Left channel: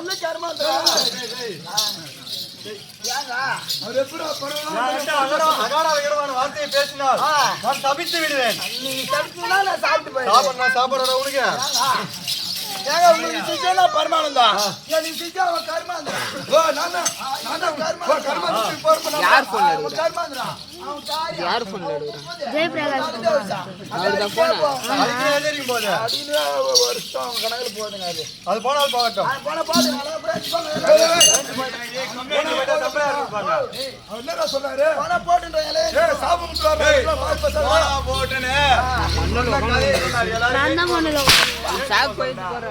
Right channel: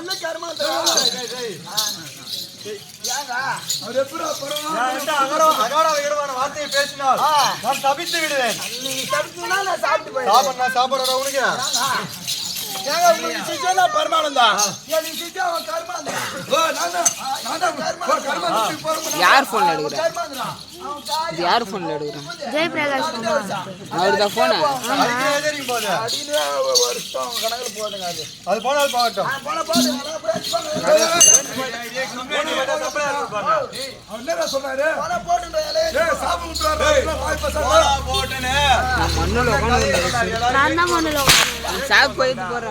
நல்ல கர்மாந்திரா அகார விகரமான வார்த்தையை பேசினால் நான் தப்பித்து விடுவேன். நீங்க தப்பிச்சீங்கன்னா நான் சாப்பிட்டு போயிடுவேன். நான் சாப்பிடுற உனக்கு ஏங்க உங்களுக்கு சிச்சனா பரமானந்தா நீ சிச்சா அவன் கர்மாந்திரா யார் போன் எடுக்குறா? கர்மாந்திரா அவன் காரியம் யார் போன் எடுக்குறா? ஜெயபிரகாஷ் அவர்தான் போன். அடிக்கடி போது அடியில வருஷம் கணக்குல போடுங்க அது போனால் போகட்டும். போன பாடு நல்லா போடுங்க. அவர் என்ன சொல்றாரு? போன போடுங்கலே சாபம் விட்டுறாரு. போட்டனே நான் தான் மண்ணுல சாக்கு போயிட்டு போறேன்.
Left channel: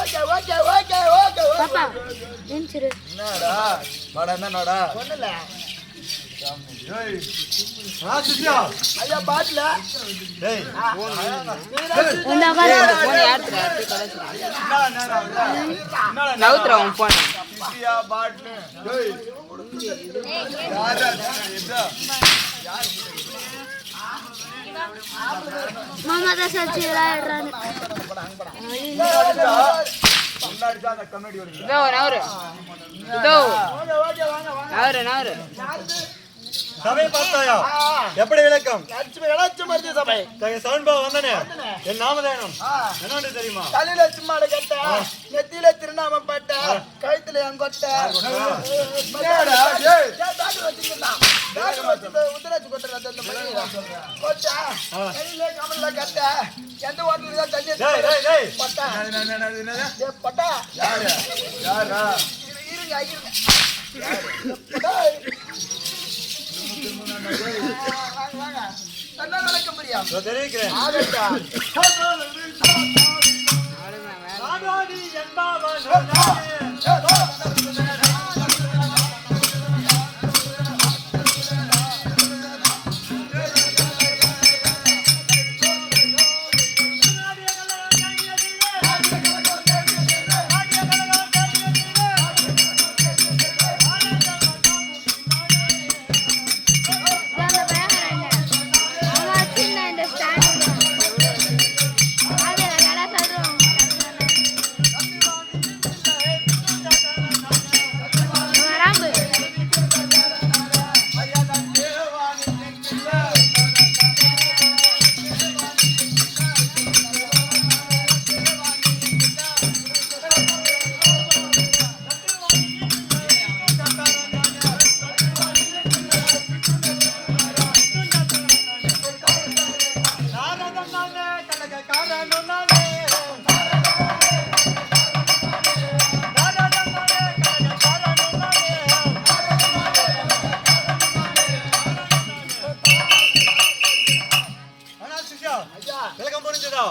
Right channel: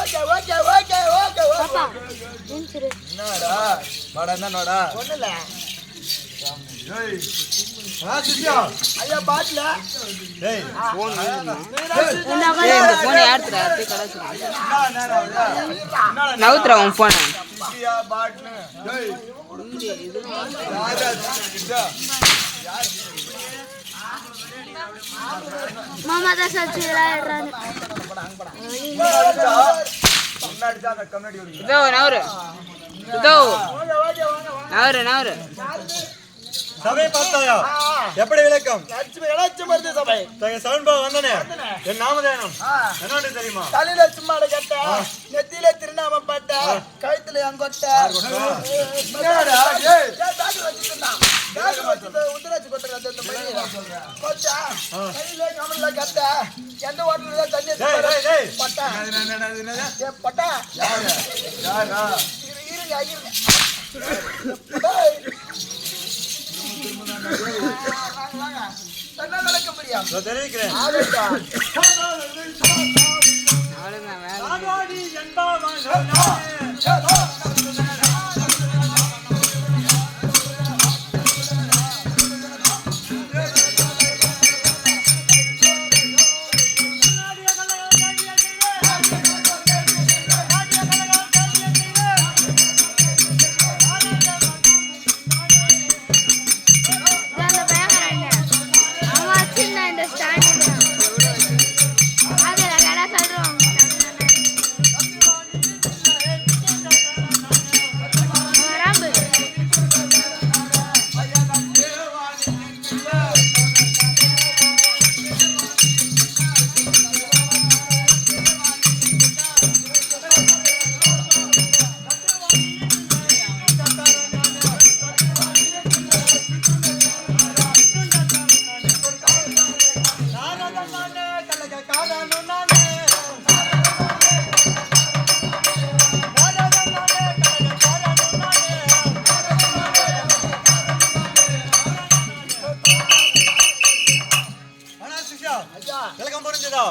ஓகே ஓகே ஓகே ஓகே பாப்பா நின்னுரு என்னடா வாடா என்னடா ஒண்ணுல ஏய் சிஷ்யா ஐயா பாட்ல ஏய் போன் எடுத்துறா அப்படியே கடைசி நவுத்ரா உன் போன். சிஷ்யா பாட்ல ஏய் யாரா யார் மாமா தான் சச்சிரா எடுறானே கண்ணாடி இதோ நவரு இதோ ஓகே ஓகே வாங்க வாங்க நவரு சபை பார்த்தாயா? எப்படி விளக்கம்? லட்சுமி லட்சுமி சபை சவன்பா வந்தனே என் நாமதேனம் என்னன்னு தெரியுமா? தலையில சும்மாட கட்ட நெத்தியில திருநாம பட்ட கழுத்துல அங்கொட்ட உத்தராட்சி கொட்டுறது அந்த மாதிரி கொட்ட கையில கமல்ல கட்ட எந்த ஓட்டுல தண்ணி பட்டா பட்டா இருங்க தெரிவிக்கிறேன்.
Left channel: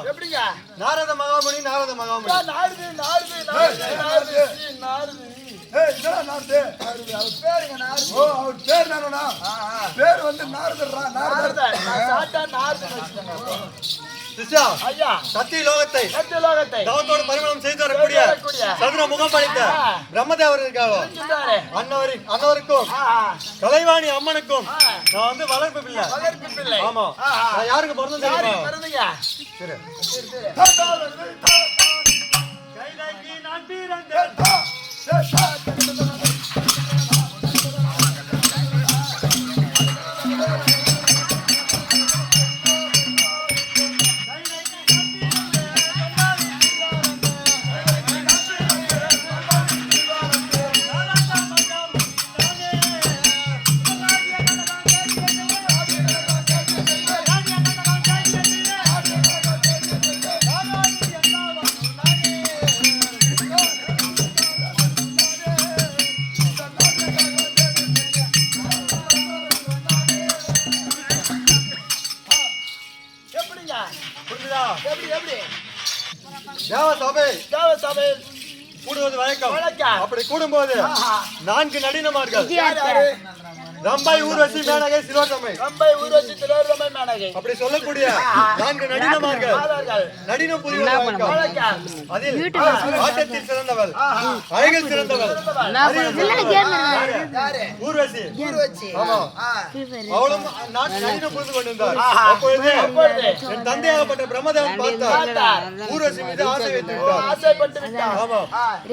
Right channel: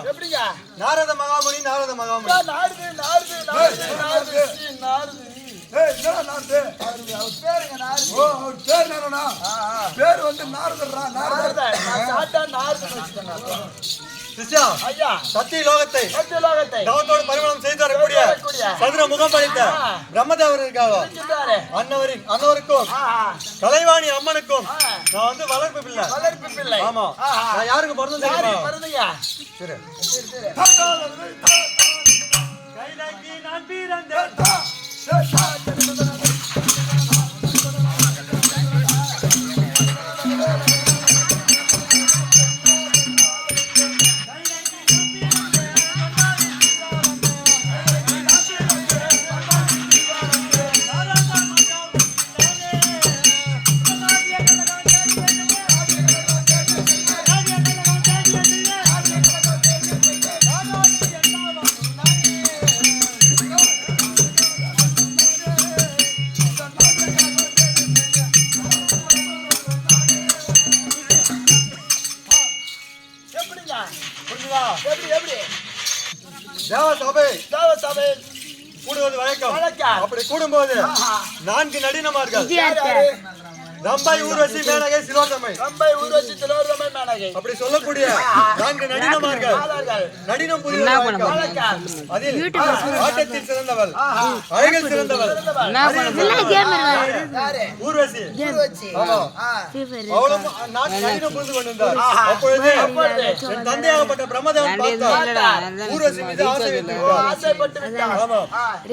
எப்படிங்க நாரத மகாமுனி நாரத மகாமுனி நாடுது நாடுது நாடுது நாடுது அவர் பேர் நாரதா பேர் வந்து நாரதர்ரா நாரதர் சிஷ்யா ஐயா சத்திய லோகத்தை சத்தியலோகத்தை தவத்தோடு பரிமளம் செய்து வரக்கூடிய சதுர முகம் படைத்த பிரம்மதேவருக்காக அன்னவருக்கும் கலைவாணி அம்மனுக்கும் நான் வந்து வளர்ப்பு பிள்ளை ஆமா நான் யாருக்கு பிறந்தேன் தெரியுமா சரி நான் பிறந்தேன் சபை கூடுவது வழக்கம். அப்படி கூடும்போது 4 நடினமார்கள் ரம்பை ஊர்வசி மேனகை சிலோத்தமை ரம்பை ஊர்வசி திலோத்தமை மேனகை அப்படி சொல்லக்கூடிய 4 நடினமார்கள் நடினம் புரிவதற்காக அதில் ஆட்டத்தில் சிறந்தவள் அழகில் சிறந்தவள் அறிவில் சிறந்தவள் ஊர்வசி ஆமா அவளும் நடினம் புரிந்து கொண்டிருந்தார் அப்பொழுது என் தந்தையாகப்பட்ட பிரம்மதேவன் பார்த்தார் ஊர்வசி மீது ஆசை வைத்து விட்டார் ஆசைப்பட்டு விட்டார் ஆமா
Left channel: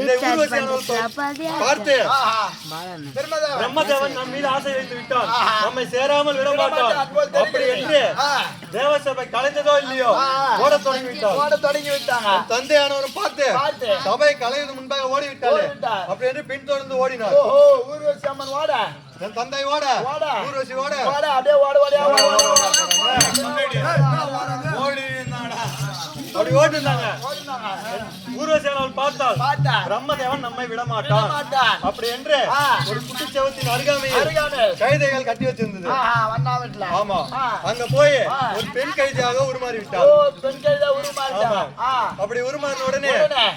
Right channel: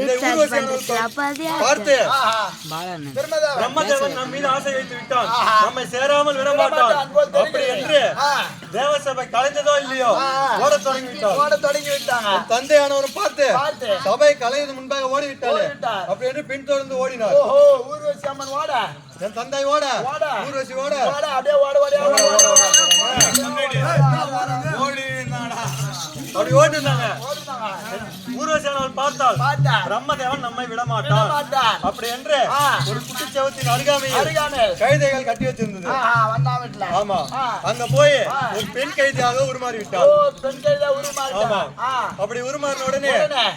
இதை ஊர்வசி பார்த்து பிரம்மதேவன் நம் மீது ஆசை வைத்து விட்டான் நம்மை சேராமல் விட மாட்டான் அப்படி என்று தேவசபை கலைந்ததோ இல்லையோ ஓடத் தொடங்கி விட்டாங்க தந்தையானவரும் பார்த்து சபை கலைவது முன்பாக ஓடிவிட்டாரு அப்படி என்று பின்தொடர்ந்து ஓடினார் ஊர்வசி அம்மன் ஓட என் தந்தை ஓட ஊர்வசி ஓட அப்படியே அப்படி ஓடினாங்க ஊர்வசி அவர்கள் பார்த்தால் பிரம்மதேவன் நம்மை விட மாட்டான் அப்படி என்று ஒரு குட்டி செவத்தின் அருகாமையில் கைதைகள் கட்டி வச்சிருந்தது ஆமா அங்க போய் ஒரு பெண் கைதியாக உருமாறி விட்டார் ஆமா அப்படி உருமாறின உடனே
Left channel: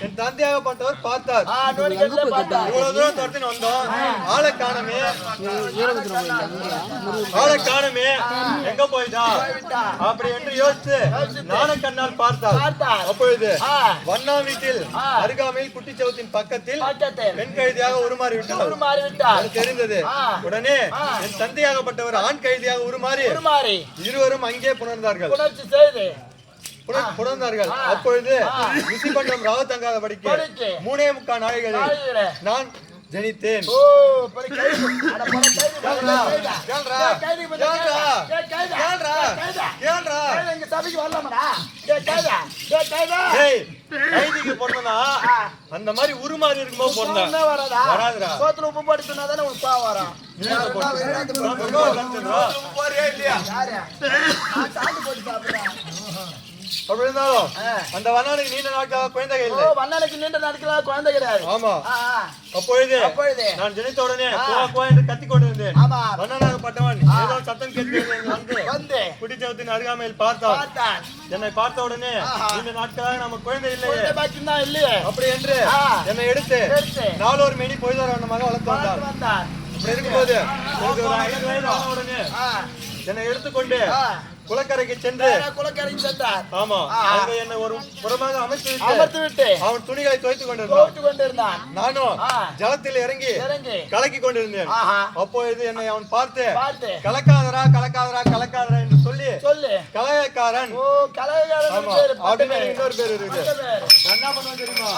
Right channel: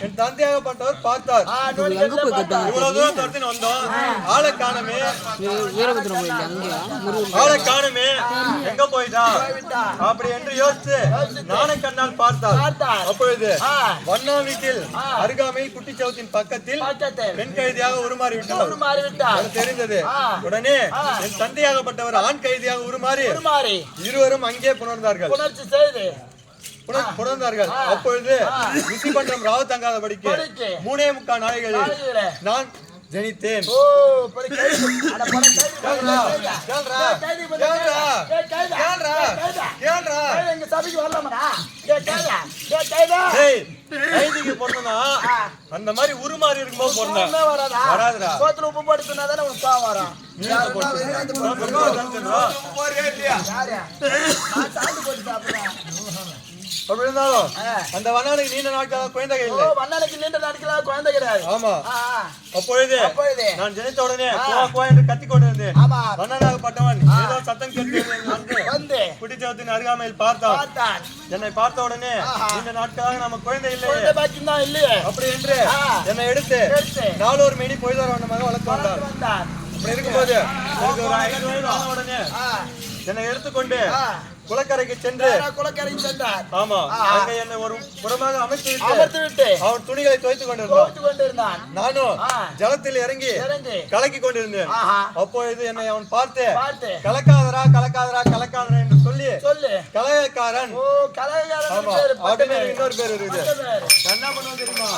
என் தந்தையாகப்பட்டவர் பார்த்தார் இவ்வளவு தூரம் துரத்தின்னு வந்தோம் ஆளை காணமே எங்க போயிட்டா அப்படி என்று யோசித்து நாண கண்ணால் பார்த்தார் அப்பொழுது வண்ணா வீட்டில் அருகாமையில் குட்டி சவுத்தின் பக்கத்தில் பெண் கைதியாக உருமாறி விட்டார் தெரிந்தது உடனே என் தந்தையாகப்பட்டவர் ஆண் கைதியாக உருமாறி இருவரும் அங்கே புணர்ந்தார்கள் அப்பொழுது ருசி பண்றம் ராவ தங்காதபடிக்கு 3.25 நாளைகளில் நான் ஜனித்தேன் கைதிக்கு பொண்ணா அந்த மாதிரி உருமாறி இருக்கும்போது பொண்ணா வராதுடா சோத்துல உப்பு போட்டு சொன்னாதானே உனக்கு கோவம் வரும் அப்படி இருந்தாலும் அந்த வண்ணனுக்கு நீண்ட நாட்களாக குழந்தைகள் இல்லை வண்ணனுக்கு நீண்ட நாட்களாக குழந்தை கிடையாது ஆமா அப்பொழுது நான் ஜனித்த உடனே குவா என்று கத்திக் கொண்டிருந்தேன் வண்ணனாகப்பட்டவன் ஏதோ சத்தம் கேட்கிறது வந்து குட்டிச்சவத்தின் அருகாமையில் பார்த்தான் என்னை பார்த்த உடனே நீண்ட நாட்களாக நம்ம குழந்தை இல்லையே அப்படி என்று என்னை எடுத்து 4 மேனி பொய்தார் வண்ணமாக வளர்த்து வந்தார் அப்படி இருக்கும்போது எனக்கு ஒரு 5 வயது ஆன உடனே என்னை எடுத்துக்கொண்டு குளக்கரைக்கு சென்றார் ஆமா அங்க என்னை ஒரு புறமாக அமர்த்தி விட்டு அவன் துணிகளை துவைத்துக் கொண்டிருந்தான் நானும் ஜலத்தில் இறங்கி கலக்கி கொண்டிருந்தேன் அப்பொழுது என்னை அவன் பார்த்து கலக்காதரா என்று சொல்லி கலையக்காரன் ஆமா அப்படின்னு இன்னொரு பேர் இருக்குது என்ன பண்ணுவோம் தெரியுமா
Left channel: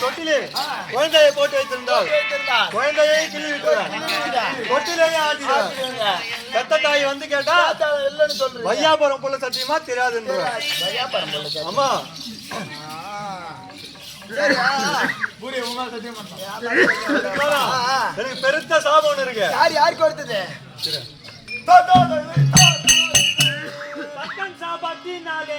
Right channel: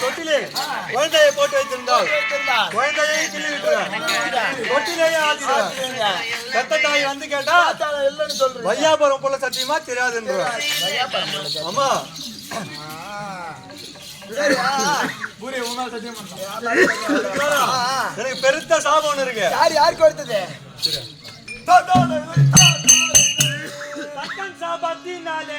தொட்டிலே குழந்தையை போட்டு வைத்திருந்தால் குழந்தையை கிள்ளி விட்டுறான் தொட்டிலேயே ஆட்டிடுவான் சத்த தாய் வந்து கேட்டா வையாபுரம் போல சத்தியமா தெரியாது ஆமா எனக்கு பெருத்த சாபம் ஒண்ணு இருக்கு யாருக்கு கொடுத்தது சாபத்தினாலே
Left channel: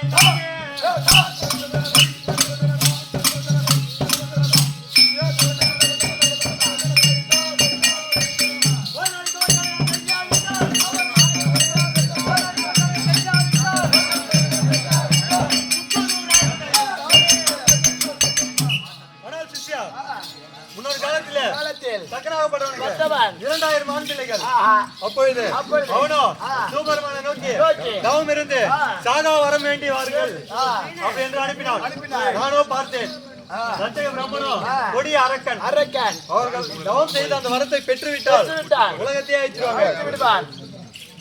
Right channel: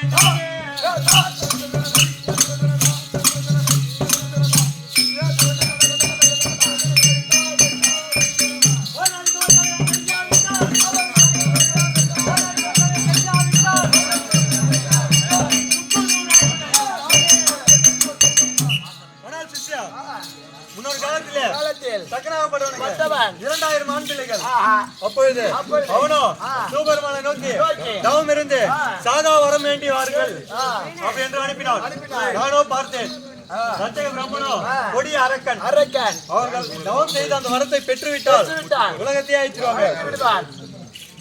முன்னொரு காலத்தில் சக்கரவர்த்தி 2000 ஆண் பிள்ளைகள் அப்பொழுது அவனோ சூப்பர்மனை நோக்கி தவம் இருந்து சாகா வரம் வேண்டியவார்கள் அப்படி என்று அனுப்பினான் நானோ பார்த்தேன் பிரம்மனோ கொடிய அரக்கன் அவர்கள் தவம் செய்து அந்த வரத்தை பெற்றுவிட்டால் உலகத்தையே அழிச்சிருவாங்க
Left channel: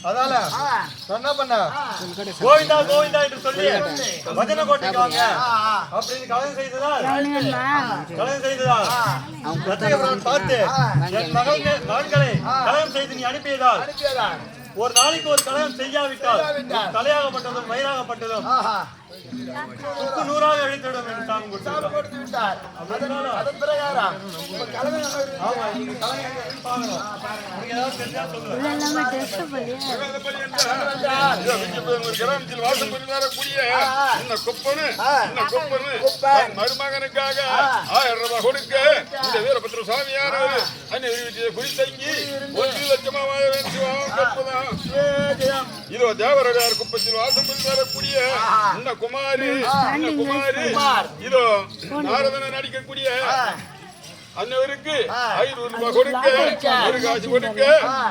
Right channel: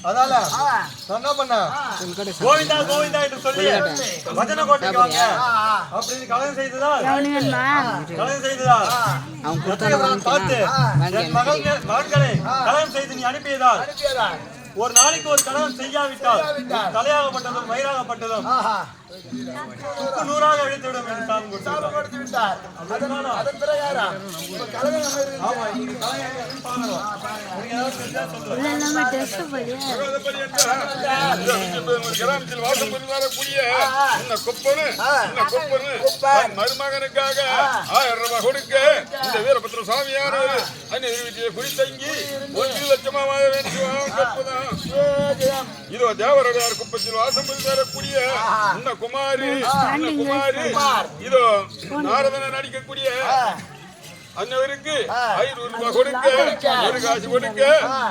அதால என்ன பண்ண கோவிந்தா கோவிந்தா என்று சொல்லி வஜன கோட்டைக்கு வாங்க அப்படின்னு கலந்து செய்ததால் சத்தியபிரமன் பார்த்து என் மகன்களை கலகம் செய்து நீ அனுப்பியதால் ஒரு நாளைக்கு ஒரு கலகம் செய்யாவிட்டால் தலையாகப்பட்டதும் வயிறாகப்பட்டதும் துக்கு நூறாக எழுதிவிடும் என்று சாமி கொடுத்து விட்டார். அதன் பிரகாரம் இப்ப கலகம் எங்க இருக்கு? ஆமா, நீங்க கலகம் எங்க இருக்குன்னு பார்க்கணும். நீங்க ஏதாவது தெரிஞ்சா சொல்லுங்க. உள்ள எல்லாமே ட்ரெஸ் படியா கிராமத்தில் வாசம் பண்ணி வரக்கூடிய இந்த குப்பனு மருமகனுக்காக 1000 ரூபாய் கொடுக்க இந்த வீரபத்ர சுவாமியானவர் குறித்தங்கி 1 லட்சமாக வேண்டுவான் கற்பதான். இதோ தேவரடையார் குப்பத்தில் வாசம் பண்ணி வரக்கூடிய இந்த குமாரி இதோ நாரதனை நடிக்கக்கூடிய அன்னவருக்கு 500 ரூபாய் கொடுக்க ஒரு காசு கொடுக்க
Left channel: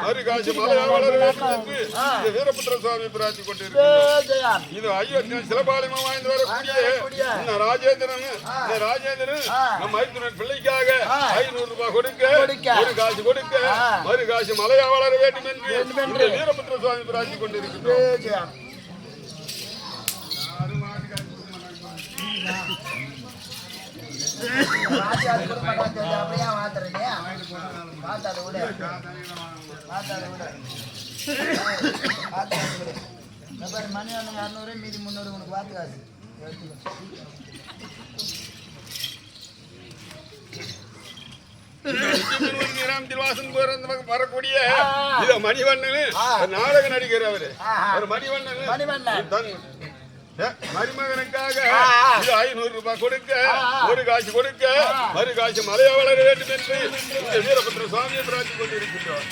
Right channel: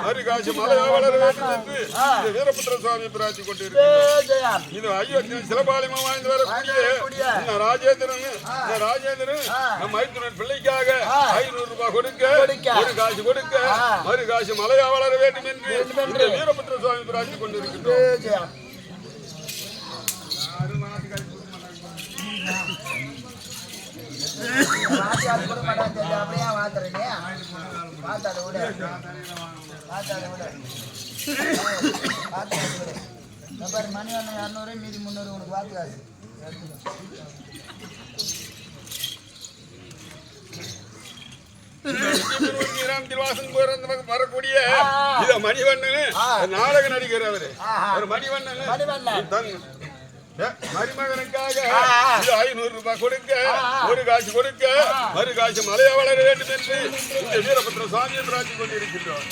மறு காசு மலையா வளர வேண்டும் என்று இந்த வீரபத்ர சுவாமி பிரார்த்தி கொண்டிருக்கிறார். இது அயோத்தியா சிலபாலிமா வாய்ந்து வரக்கூடிய இந்த ராஜேந்திரன் நம் மைத்துனன் பிள்ளைக்காக 500 ரூபாய் கொடுக்க ஒரு காசு கொடுக்க மறு காசு மலையா வளர வேண்டும் என்று இந்த வீரபத்ர சுவாமி பிரார்த்தி கொண்டிருக்கிறோம். மணி 200 மீதி 300 உனக்கு வாத்து காசு வரக்கூடிய மணிவண்ணனு நாடக நடிகர் அவரு ஒரு மணிவண்ணன் மருமகனுக்காக 500 ரூபாய் கொடுக்க ஒரு காசு கொடுக்க மறு காசு மலையா வளர வேண்டும் என்று இந்த வீரபத்ர சுவாமியை பிரார்த்தி கொண்டிருக்கின்றோம்.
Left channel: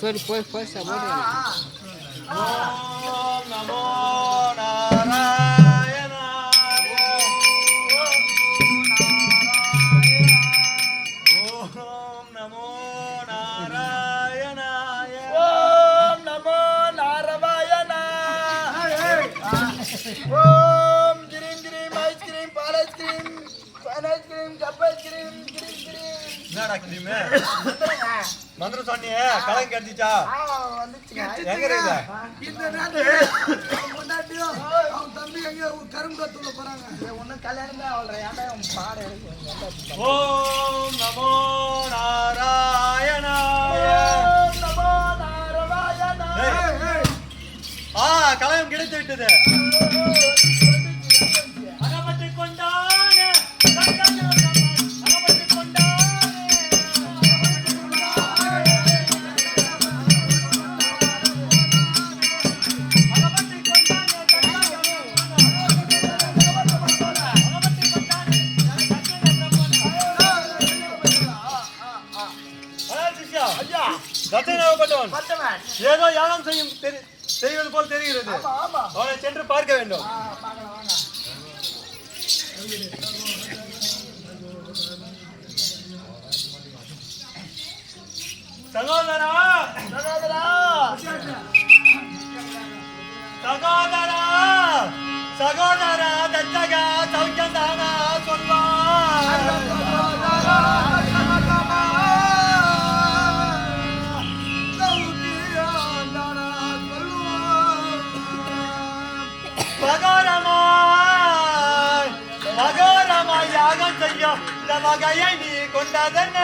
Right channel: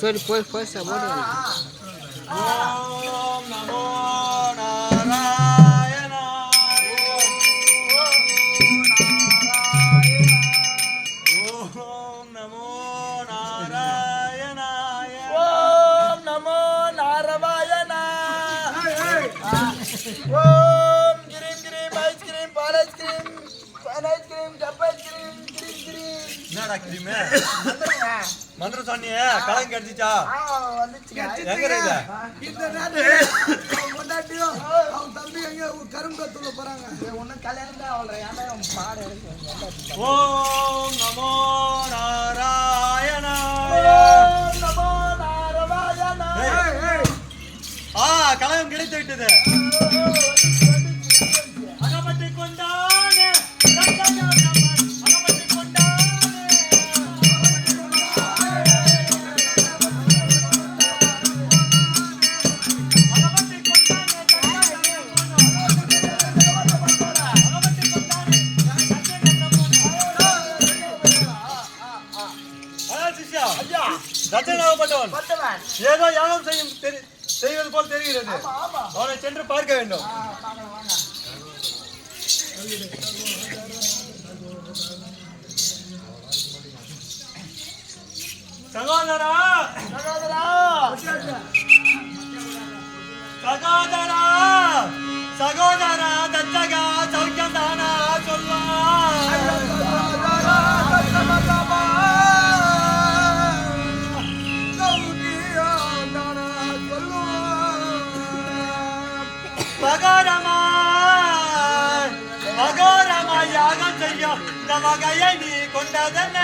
சரி போய் போய் சாப்பிடு. ஓம் நமோ நாராயணாய. ஓம் நமோ நாராயணாய. ஓம் நமோ நாராயணா. ஓம் கிரீம் கிரீம் ஐஸ்கிரீம் பால் ice cream bun ice cream tub ice cream cream cream. என்னடா கிரீம் மந்திரம் சொன்னியே கலங்க கிடைச்சிச்சா? எங்க இருக்குது இந்த நாட்டு கொண்டாட்டியும் அவன் தம்பி எங்க கரும்பத்துல போறாங்க. ஒன்னும் கல்யாணம் தான் அவளை ஏன்டா அவன் பாட ஓம் நமோ நாராயணாய. ஓம் நமோ நாராயணா. கலகம் கிடைத்து விட்டது. அகப்பட்டு கொண்டானே அகப்பட்டு கொண்டானே. ஏதோ யாகம் செய்வது போல் தெரிகிறது. அவனை சென்று பார்க்க வேண்டும். சகோதரா சகோதரா சகோதரா சகோதரா தச்சகா சௌக்கியம் தானா சொல்வா. மகோரமாய் யாகம் செய்யும் இந்த வகையை நீ கொண்டதென்ன?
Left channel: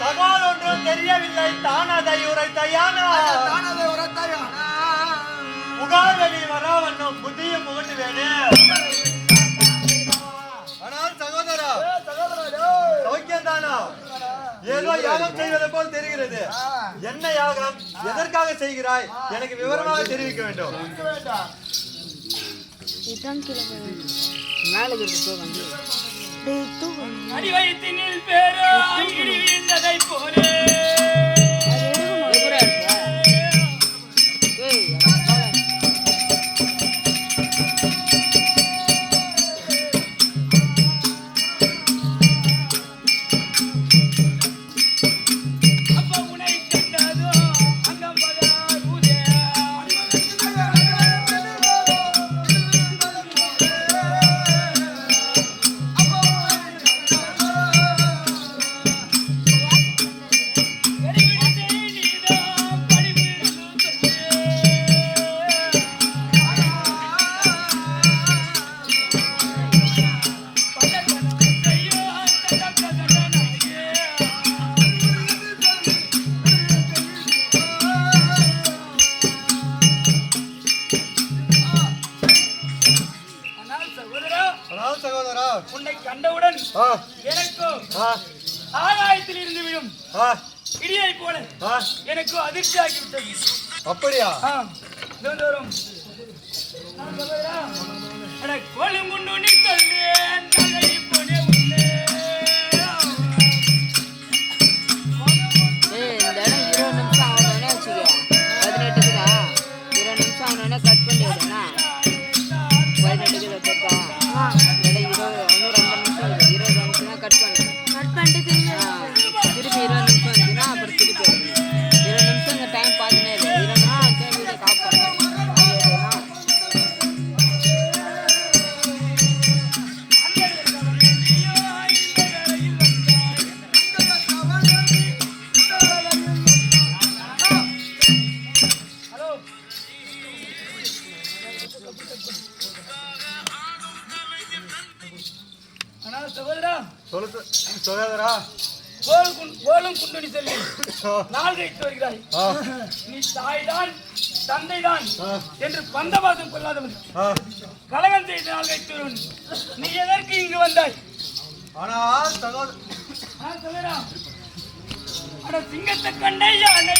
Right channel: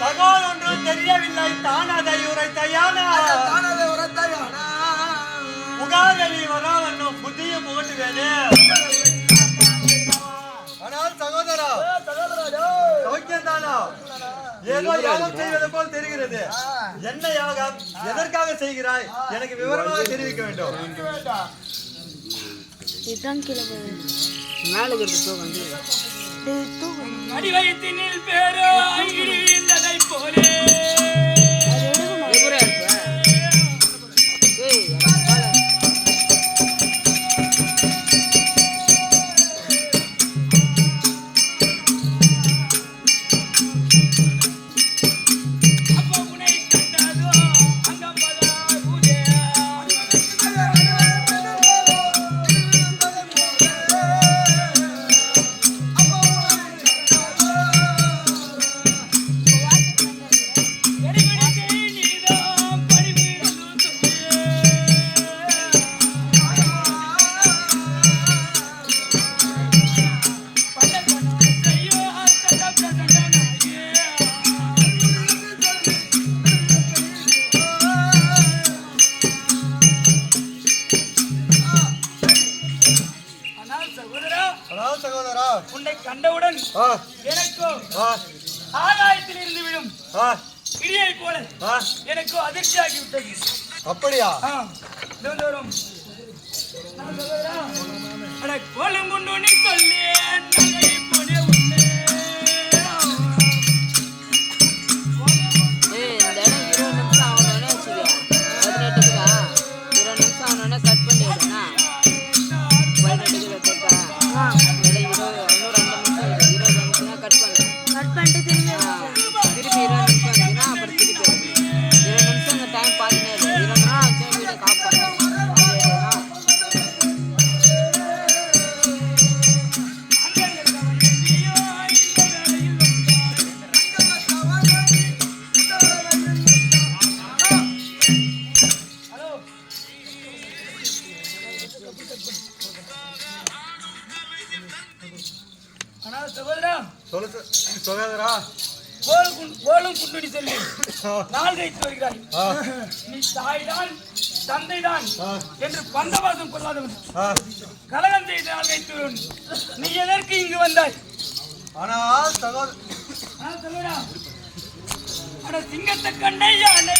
தகவல் ஒன்றும் தெரியவில்லை தானதை உரைத்தையானா புகாரவி வராவண்ணும் புத்தியும் புகட்டுவேனே. ஆனால் சகோதரா சௌக்கியம் தானா? ஏதோ யாகம் செய்வது போல் தெரிகிறது. என்ன யாகம், எதற்காக செய்கிறாய்? எனக்கு விவரமாக தெரிவிக்க வேண்டும். அடிவயத்தினில் பேரோ அங்கிருந்ததை போலே பார்த்தவுடன் ஆ, எனக்கும் ஆ, ஆகாயத்தில் இருந்து விழும் ஆ, இடியை போல ஆ. எனக்கு அதிர்ச்சியாகி விட்டது. அப்படியா? தினந்தோறும் அட கொழுங்குண்டு நீ சொல்லி தலை போனே உன்னே. ஏய், இந்த இடம் 20 நிமிஷம் ஆகணும்னு வச்சுக்க. 18க்கு தான் 20 நிமிஷம் ஆகணும்னா கட் பண்ணி விடுனா 18க்கு வச்சிருக்கா. இல்லை 20 இன்னும் 2 நிமிஷம் இருக்கு. 20 நிமிஷம் தான் கட் பண்ணுறேன். கட் பண்ணிட்டு திரும்பி திருப்பி 20 நிமிஷம் வந்துச்சுன்னா அப்புறம் திருப்பி 20 நிமிஷம் இந்த டைம் பார்த்துனே இருக்கு. 20 நிமிஷம் வச்சா வீடியோ காப் பண்ணுறேன். ஆனால் சகோதரா, சொல்லு சொல்லாதரா. கோலும் குண்டடி செல்லி நாள் கழித்து வருகிறாய். நீ தாய்தான் தந்தைதான் என்று பந்தபாசம் கொள்ளாதவன், கலகம் செய்த நாள் கழித்து வருவன். நீ எதற்கு இங்கு வந்தாய்? ஆனால் சகோதர சகோதரா, அட சிங்கத்தை கண்டை யானை